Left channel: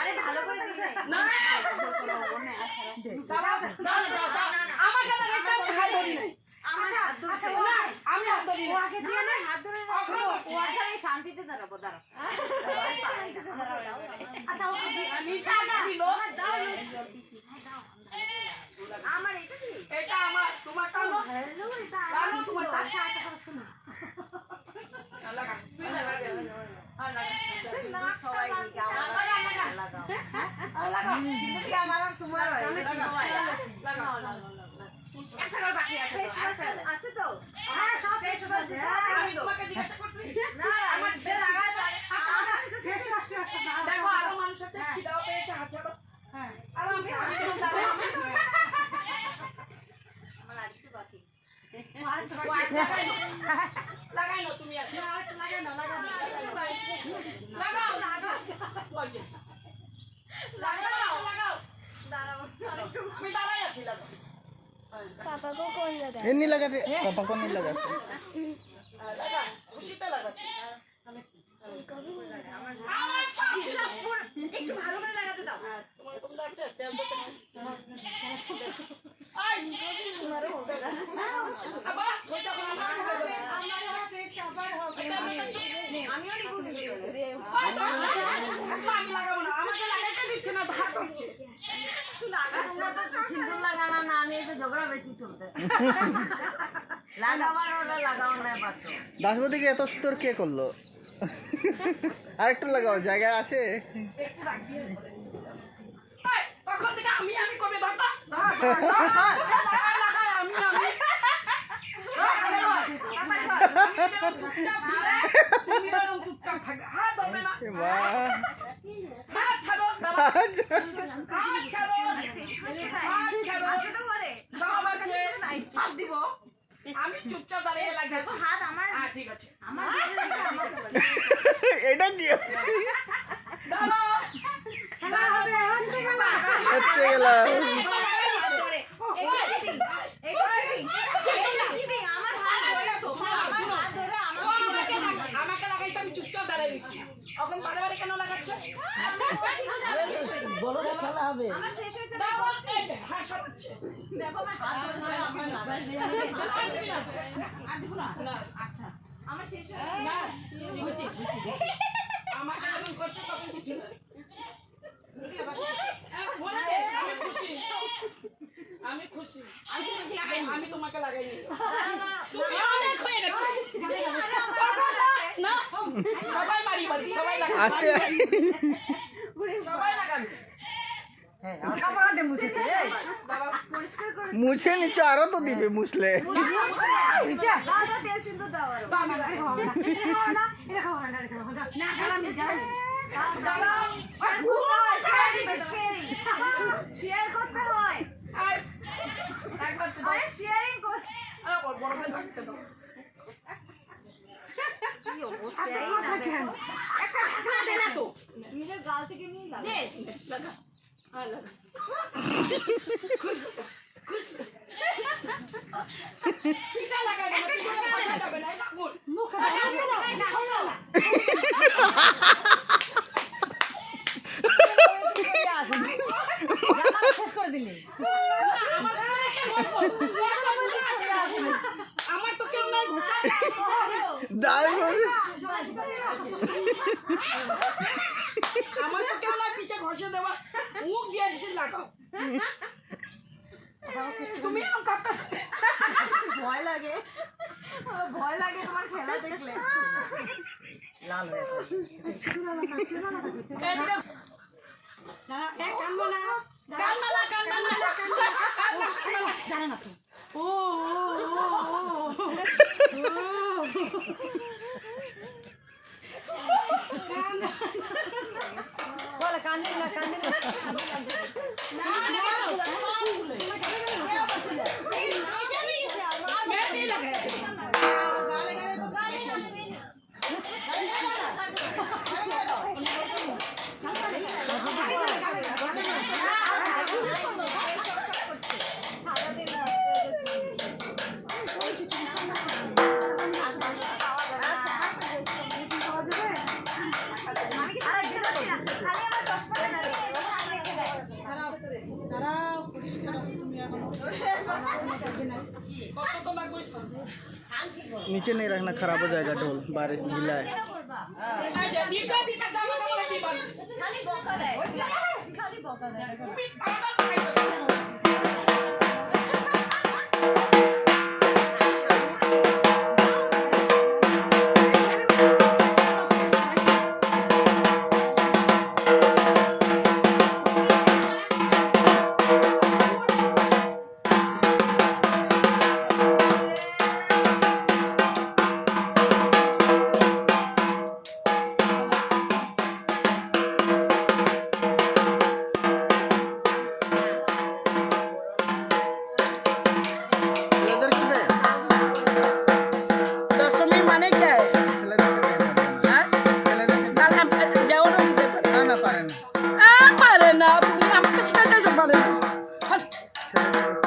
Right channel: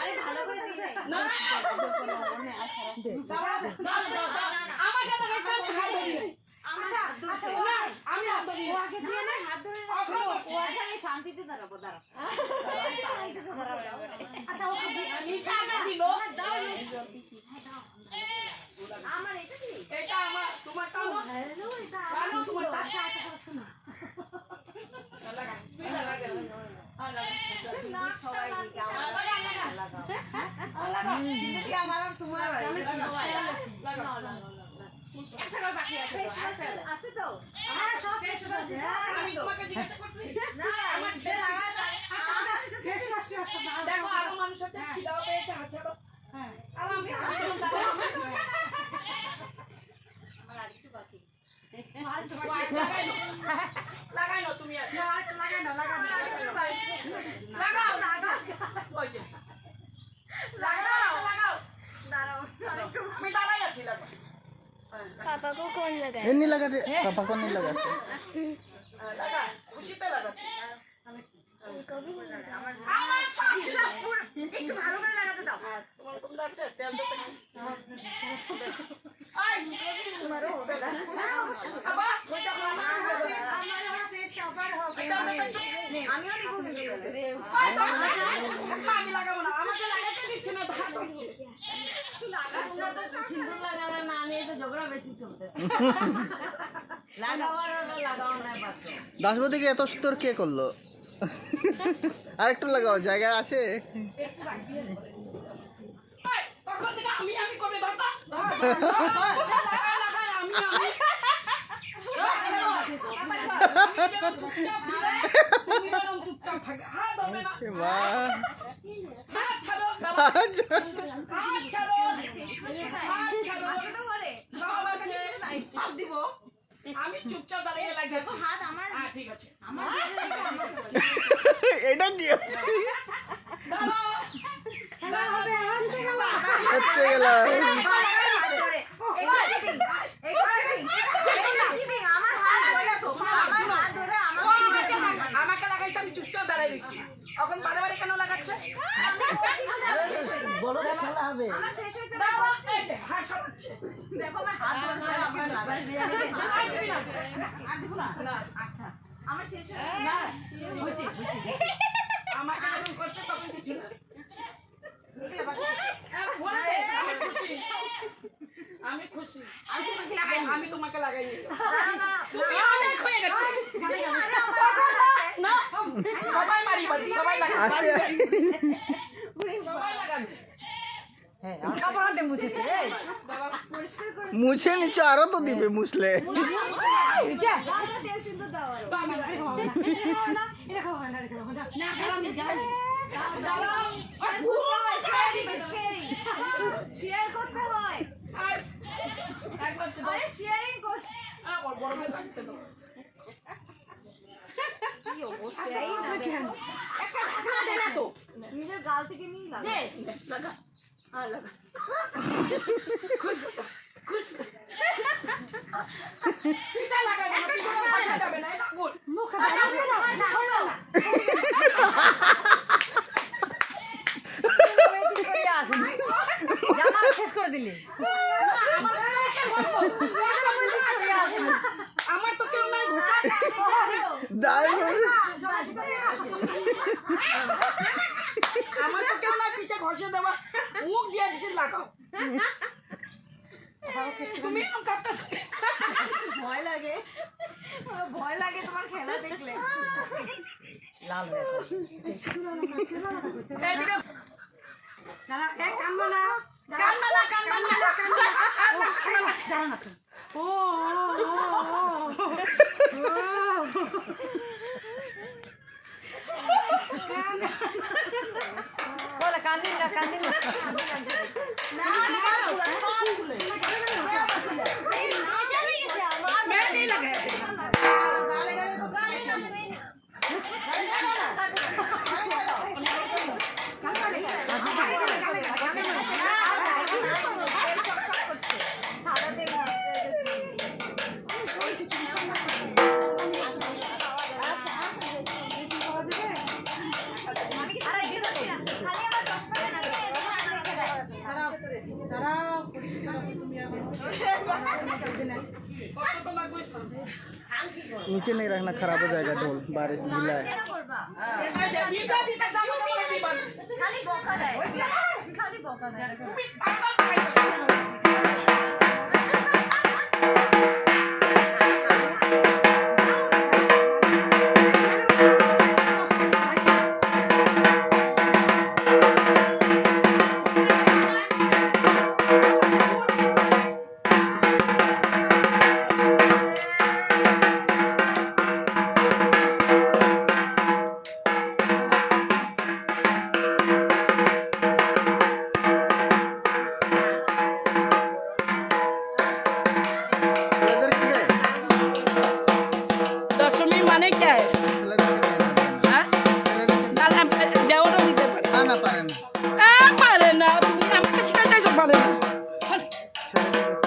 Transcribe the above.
আরে ভালো করে দিই না আমার কেন রেখে হাত ধরি নাই আচ্ছা আমি হাত ধরি ও আগে দিয়ে না হাত ধরে ও আগে আমি শান্তিতে দাঁড়াবো দাঁড়াও আচ্ছা ওকে আমি জায়গা দিল আমার এটা কি এটা আমার তোমার টানো হ্যালো এটা টানো তোমার আচ্ছা আচ্ছা শোনো লাগা তুই লাগা না সবাই লাগা জিন্দগি আমার আর তোমার লাগা একটা বাকি আছে আছে তো হ্যাঁ সব ফেস ওয়াশ আমি তোমাকে জিজ্ঞাসা করছি না আমার ছেলে ফেস ওয়াশ দেখো আরো মানুষ আছে খিদাও পেয়েছে হাত ছাড়ো হ্যাঁ আর আমি আমার আরেকটু বাকি লাগাই না তুমি আর না আরেকটু লাগাই না লাগাও লাগাও দাঁড়াও আমি দাঁড়াই আছি লাগাও नहीं लगाते पापा को नहीं लगाते লাগা খুশিতে লাগাচ্ছি আমার সব পুরো একটু ভালো করে লাগাতে দাও তোমার কোনটা আছে তেল তো আই তোমারও হবে না আবাস কইটা কোন আমার হবে সবার হবে আমিও নিব আমি লাগাবো না আমাকে লাগাতে দিচ্ছে না ভাত হচ্ছে সিঁদুর লাগানো না আমি একটু ঝগড়া বেশি চলতে লাগাবার ওটা লাগাও না পাত্র দাসবদিকে এত সুন্দর কে করলো আরেকটু লাগাও জায়গা আছে একটু রাখ দিয়ে আই তখন থেকে আমি করবে ধরতা লাগা আমি তুমি এরকম চুপচাপ থাকবে হাত ধরবে না वाह হাত ছাড়ো হাত ছাড়ো হাত ছাড়ো সব আছে সব দিব আমি চুপচাপ দাঁড়িয়ে লাগবে হাত আমার হ্যাঁ ঠিক আছে আমার দিকে রেখে আমাকে এটা দিও দাঁড়াও হবে হচ্ছে গেল হচ্ছে গেল আমার হাত ধরে তো আমার হাত ধরে আমাকে লাগাইছে আমি চুপচাপ দাঁড়াই রইছি এখন বারে বারে কেন লাগাচ্ছে বড় খেলা হবে আমার শেষ হইতে হাত সরাচ্ছে দেখো আমার হাত ধরে ধরে আমার লাগাই আর দিবি না আর দিব না না আচ্ছা আমার শেষ হয়ে না আমাকে যখন করছে তখন কিছু না আমি খুশি আমি খুশি আমি তো বেশি লাগাই আমি তোমাকে লাগাই নি দাঁড়া তুমি অনেক হয়ে গেছে না সবাই মারি বাড়ি সবাই লাগাবে আস্তে সবাই লাগাবে পরিষ্কার করে মুছে নিচে আরো তো দিবে মুছলে দাদা তেল সিন্দুর দাও আর আমি লাগাবো না এটা খাওয়া না এটা খাওয়া না না জ্বালামি দাঁড়াও শেয়ার করতে হয় একবার তো আরে শেয়ারিং করতে বড় ভাই থাকতে দাও কি অবস্থা কেন একটা ঢাকনা দে না তো নিজের গাল থেকে নিয়ে লাগা দে লাগা হ্যাঁ লাগা খুশ খুশ পিঠা লাগাবে না পিঠা লাগাবে না এটা গুড মুখে দাও শেষ করে দিলি আমার তো কেউ নাই ঘোষা দাই আমার তো কেউ নাই পিছে ঘষে দেওয়া মুখ দিয়ে দিছি লাগাও তুমি এরকম কাটতেছ ভয় লাগে ভয় লাগে তোমার খেলা দেখলে লাল হয়ে কানবো না কান্না না কান্না না দাঁড়া না ও বলে কান্দি না কান্দি না মেহেদি লাগাই আমি কি তারা দেখতে পাচ্ছি না খালি আমার চশমা কত তো লাগবে স্যার नीचे नहीं रखना, खराब हो जाएगा ढोल, बारिश गीला है। দিকা দিকা জামা কাপড় দিবান খালি বকা দেয় খালি বকা দেয় তুমি পাউডার লাগাইছো लेदर की है? দশমী মানে কি लेदर के देना देना। लेदर के কাল দেওয়ার দিতে পারে ना पारे ना। পারে না তুমি আমাকে শিখাইতে পারে না चले